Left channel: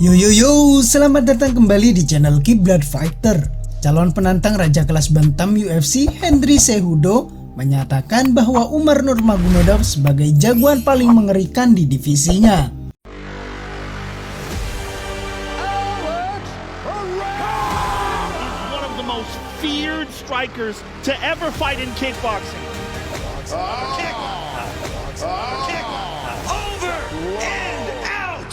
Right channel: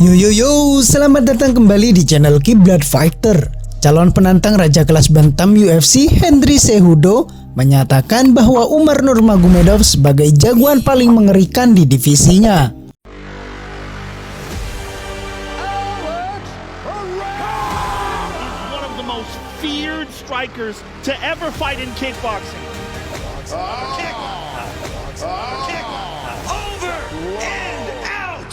Yo yo yo, selamat datang kembali di channel Kiblat Fighter. Calon penantang raja kelas bantam UFC Henry Cejudo menyatakan bahwa Umar Nurmagomedov sebagai jagoan paling mengerikan di divisinya. One of the most feared strikers to ever fight in kickboxing. Kick. Kick. Over and out.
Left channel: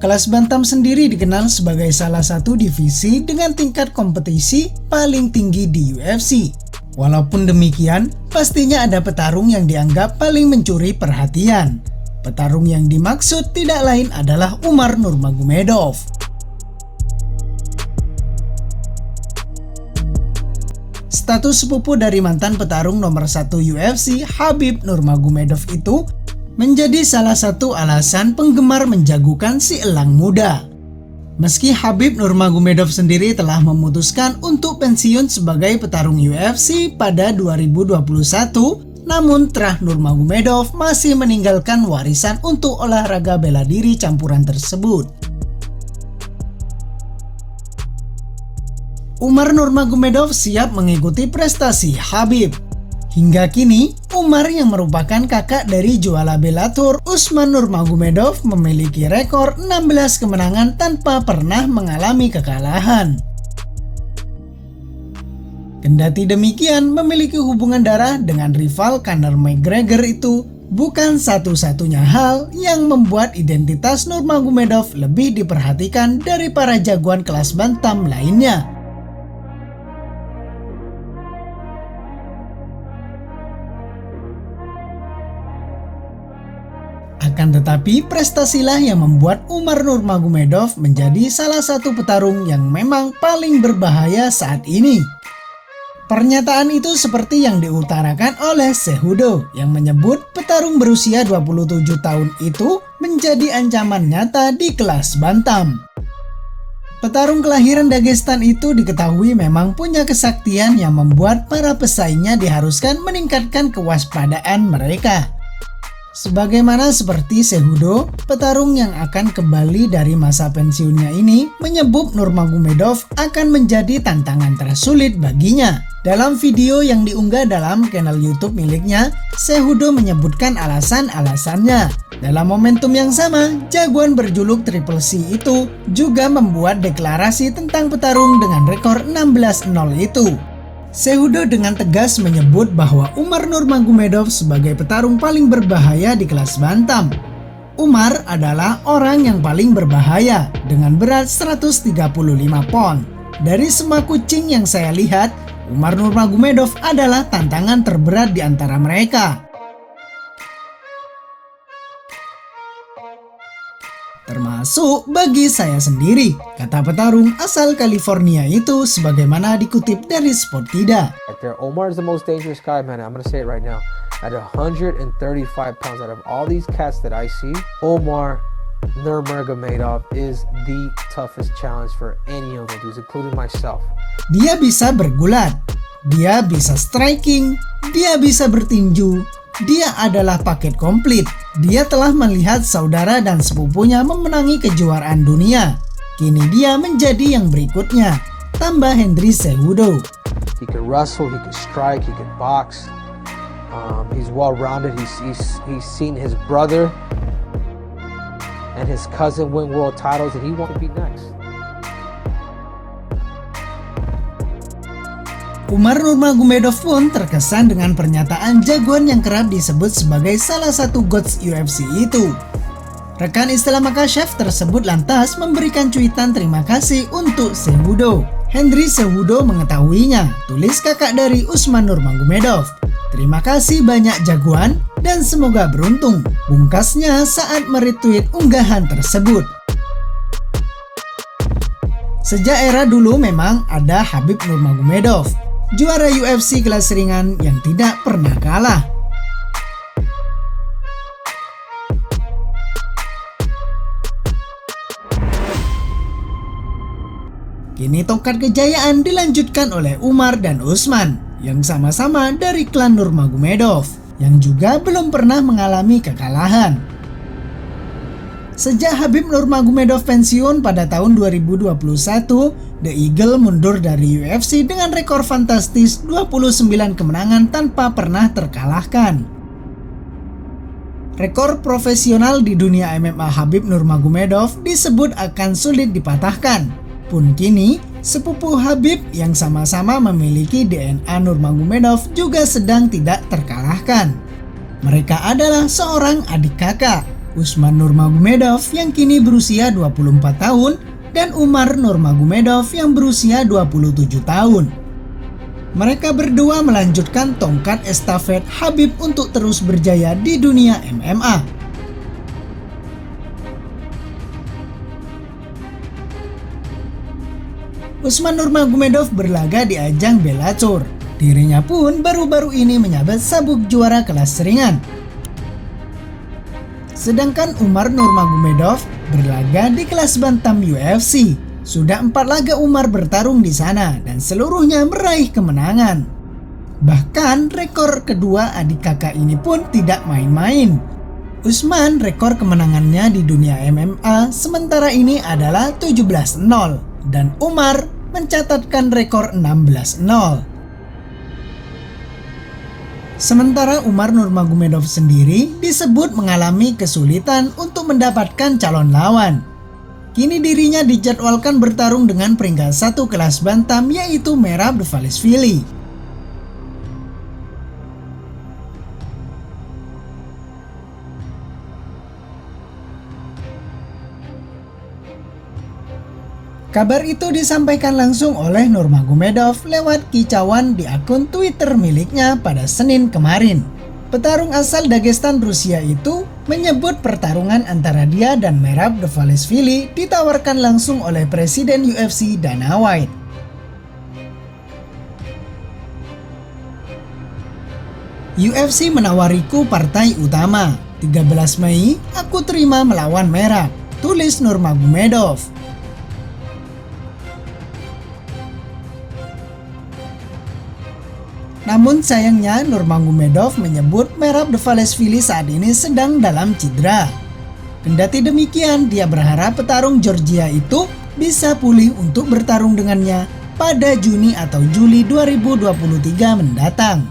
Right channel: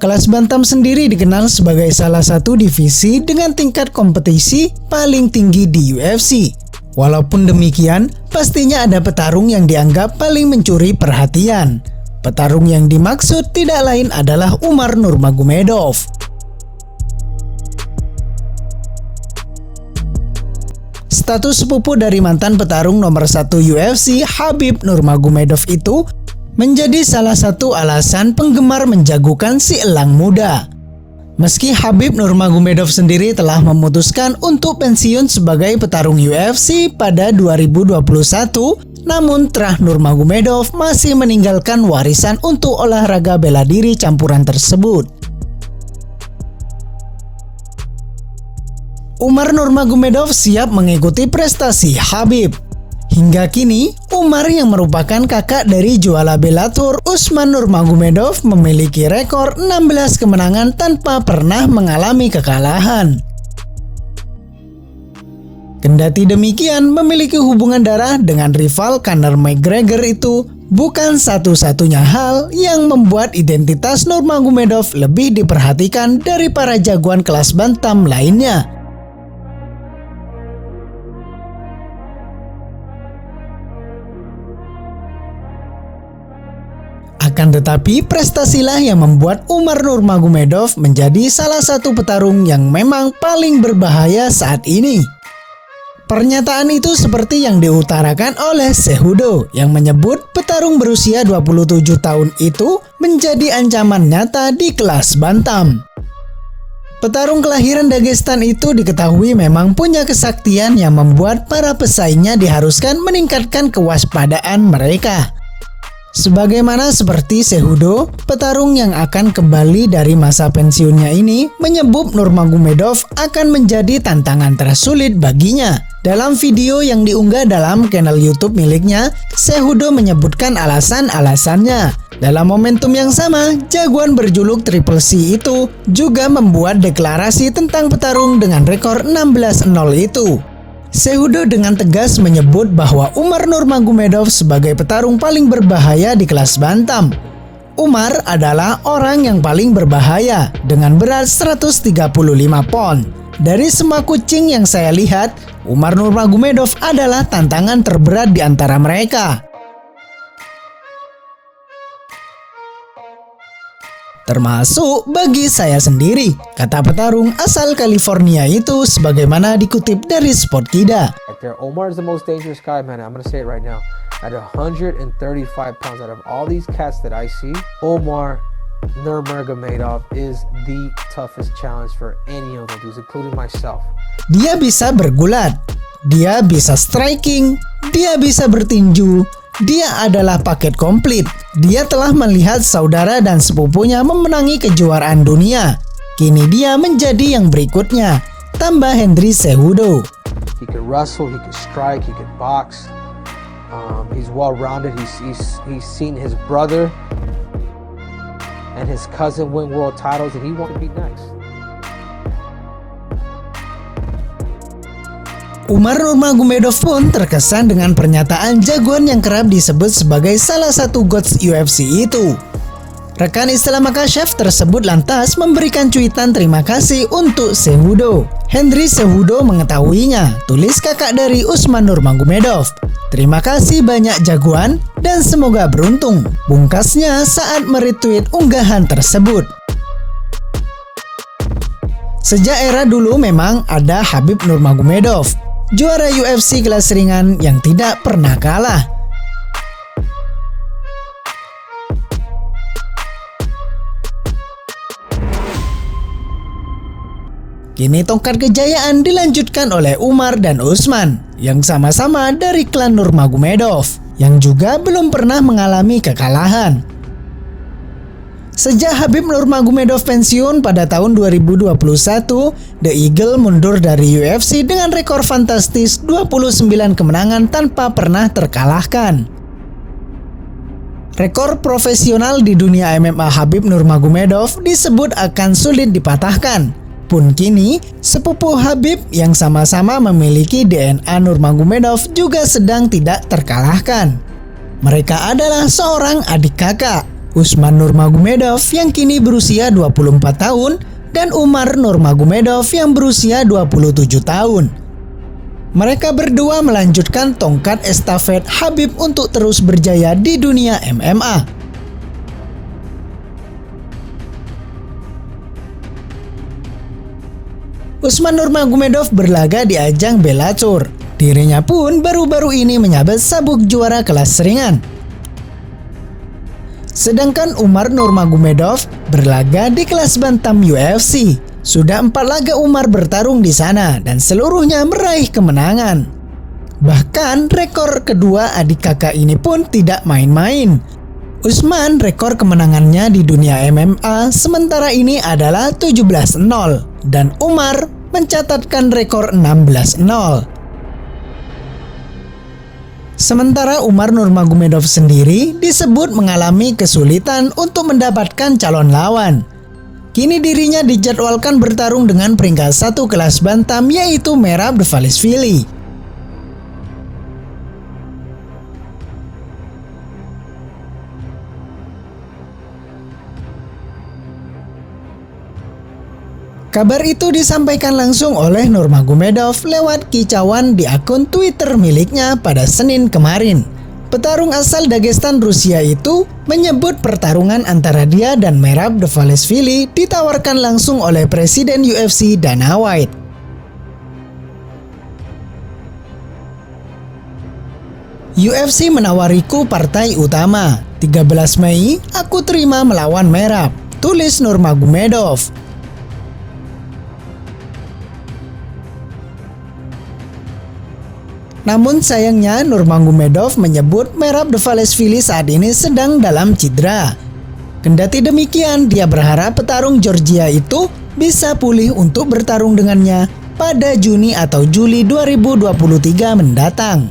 Kelas bantam sendiri dikenal sebagai salah satu divisi dengan tingkat kompetisi paling tinggi di UFC. Walaupun demikian, pastinya ada petarung yang dianggap paling mencuri perhatian. Petarung yang dimaksud tidak lain adalah Umar Nurmagomedov. Status sepupu dari mantan petarung nomor 1 UFC Khabib Nurmagomedov itu menjadi salah satu alasan penggemar menjagokan si elang muda. Meski Khabib Nurmagomedov sendiri telah memutuskan untuk pensiun sebagai petarung UFC pada 2021, namun Trah Nurmagomedov masih meninggalkan warisan untuk olahraga bela diri campuran tersebut. Umar Nurmagomedov siap mengikuti prestasi Khabib. Hingga kini, Umar yang merupakan kakak dari juara Bellator Usman Nurmagomedov memiliki rekor 16 kemenangan tanpa pernah mengalami kekalahan. Kendati demikian, memiliki hubungan darah dengan rival Conor McGregor itu bukan satu-satunya hal yang membuat identitas Nurmagomedov lebih diperhatikan dari para jagoan kelas bantam lainnya. Akan tetapi, prestasilah yang membuat Umar Nurmagomedov menjadi salah satu petarung yang memang paling berbahaya saat ini. Pernyataan itu seperti yang diutarakan oleh Cejudo yang menyebut petarung berusia 27 tahun itu menjadi ancaman nyata di kelas bantam. Petarung kelahiran Dagestan itu diketahui memang punya kesaktian yang membuat para pesaingnya diharuskan meningkatkan kewaspadaan mereka. Sebagaimana seperti Cejudo, petarung yang akan kembali dari masa pensiunnya ini menyebut Nurmagomedov akan menjadi tantangan tersulit baginya. Dalam video yang diunggah dalam channel YouTube miliknya, Cejudo menyebutkan alasan-alasannya. Dalam momentum yang sama, jagoan berjuluk Triple C itu juga membuat deklarasi tentang petarung dengan rekor 16-0 itu. Cejudo dengan tegas menyebut bahwa Umar Nurmagomedov sebagai petarung paling berbahaya di kelas bantam. Umar adalah orang yang paling berbahaya dengan berat 135 pon. Dari semua kucing yang saya lihat, Umar Nurmagomedov adalah tantangan terberat di antara mereka. Termasuk bagi saya sendiri, kata petarung asal California itu sebagaimana dikutip dari Sportida. Omar is the most dangerous guy, man. I'm gonna say it right now. At 135 pounds, out of all these cats that I see, Umar Nurmagomedov is the toughest challenge for any of them dudes, including myself. Dia bisa bergulat, dia bisa striking, dia bisa bertinju. Dia adalah paket komplit. Dia telah melihat saudara dan sepupunya memenangi kejuaraan dunia. Kini dia menjadi yang berikutnya, tambah Henry Cejudo. He can wrestle, he can strike, he can box. He's well-rounded. He's seen his brother and his cousin win world titles, and he wants to be next. Umar Nurmagomedov pun terkesan dengan pernyataan jagoan yang kerap disebut sebagai salah satu goats UFC itu. Rekan Istilah Makashev tersebut lantas memberikan cuitan terima kasih untuk Cejudo. Henry Cejudo mengetahuinya, tulis kakak dari Usman Nurmagomedov. Terima kasih banyak jagoan dan semoga beruntung, bungkasnya saat meretweet unggahan tersebut. Sejak era dulu memang ada Khabib Nurmagomedov, juara UFC kelas ringan yang tidak pernah kalah. Kini tongkat kejayaan dilanjutkan oleh Umar dan Usman yang sama-sama dari klan Nurmagomedov yang juga belum pernah mengalami kekalahan. Sejak Khabib Nurmagomedov pensiun pada tahun 2021, The Eagle mundur dari UFC dengan rekor fantastis 29 kemenangan tanpa pernah terkalahkan. Rekor profesional di dunia MMA Khabib Nurmagomedov disebut akan sulit dipatahkan. Pun kini, sepupu Khabib yang sama-sama memiliki DNA Nurmagomedov juga sedang tidak terkalahkan. Mereka adalah seorang adik kakak, Usman Nurmagomedov yang kini berusia 24 tahun dan Umar Nurmagomedov yang berusia 27 tahun. Mereka berdua melanjutkan tongkat estafet Khabib untuk terus berjaya di dunia MMA. Usman Nurmagomedov berlaga di ajang Bellator. Dirinya pun baru-baru ini menyabet sabuk juara kelas ringan. Sedangkan Umar Nurmagomedov berlaga di kelas bantam UFC. Sudah 4 laga Umar bertarung di sana dan seluruhnya meraih kemenangan. Bahkan rekor kedua adik kakak ini pun tidak main-main. Usman rekor kemenangannya di dunia MMA sementara ini adalah 17-0 dan Umar mencatatkan rekor 16-0. Sementara Umar Nurmagomedov sendiri disebut mengalami kesulitan untuk mendapatkan calon lawan. Kini dirinya dijadwalkan bertarung dengan peringkat 1 kelas bantam yaitu Merab Dvalishvili. Kabar itu disampaikan langsung oleh Nurmagomedov lewat kicauan di akun Twitter miliknya pada Senin kemarin. Petarung asal Dagestan Rusia itu menyebut pertarungan antara dia dan Merab Dvalishvili ditawarkan langsung oleh Presiden UFC Dana White. UFC menawariku partai utama. 13 Mei, aku terima melawan Merab, tulis Nurmagomedov. Namun sayangnya Nurmagomedov menyebut Merab Dvalishvili saat ini sedang dalam cedera. Kendati demikian, dia berharap petarung Georgia itu bisa pulih untuk bertarung dengannya pada Juni atau Juli 2023 mendatang.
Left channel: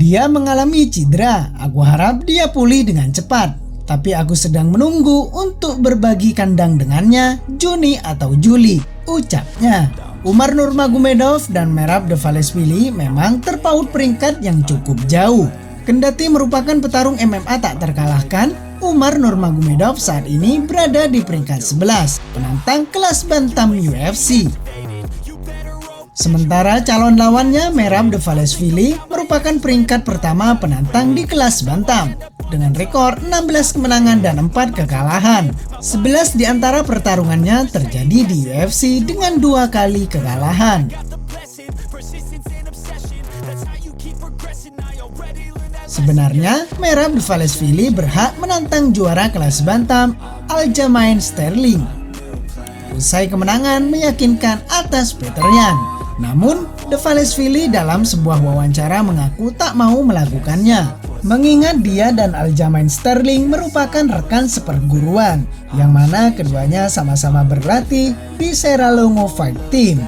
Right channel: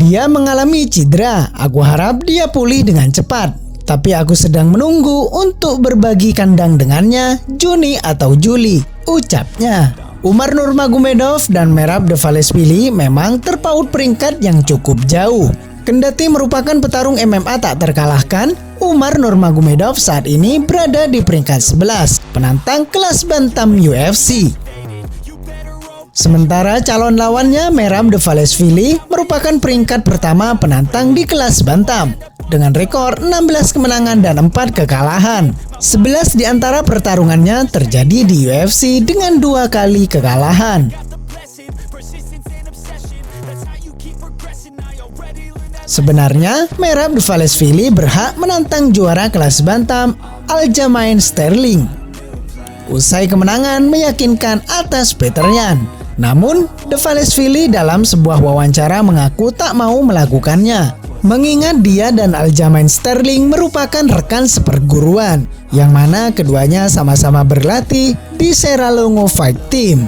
Dia mengalami cedera, aku harap dia pulih dengan cepat. Tapi aku sedang menunggu untuk berbagi kandang dengannya Juni atau Juli, ucapnya. Umar Nurmagomedov dan Merab Dvalishvili memang terpaut peringkat yang cukup jauh. Kendati merupakan petarung MMA tak terkalahkan, Umar Nurmagomedov saat ini berada di peringkat 11, penantang kelas bantam UFC. Sementara calon lawannya Merab Dvalishvili merupakan peringkat pertama penantang di kelas bantam dengan rekor 16 kemenangan dan 4 kekalahan. 11 di antara pertarungannya terjadi di UFC dengan 2 kali kekalahan. Sebenarnya Merab Dvalishvili berhak menantang juara kelas bantam Aljamain Sterling. Usai kemenangan meyakinkan atas Petr Yan. Namun, Dvalishvili dalam sebuah wawancara mengaku tak mau melakukannya, mengingat dia dan Aljamain Sterling merupakan rekan seperguruan, yang mana keduanya sama-sama berlatih di Serra-Longo Fight Team.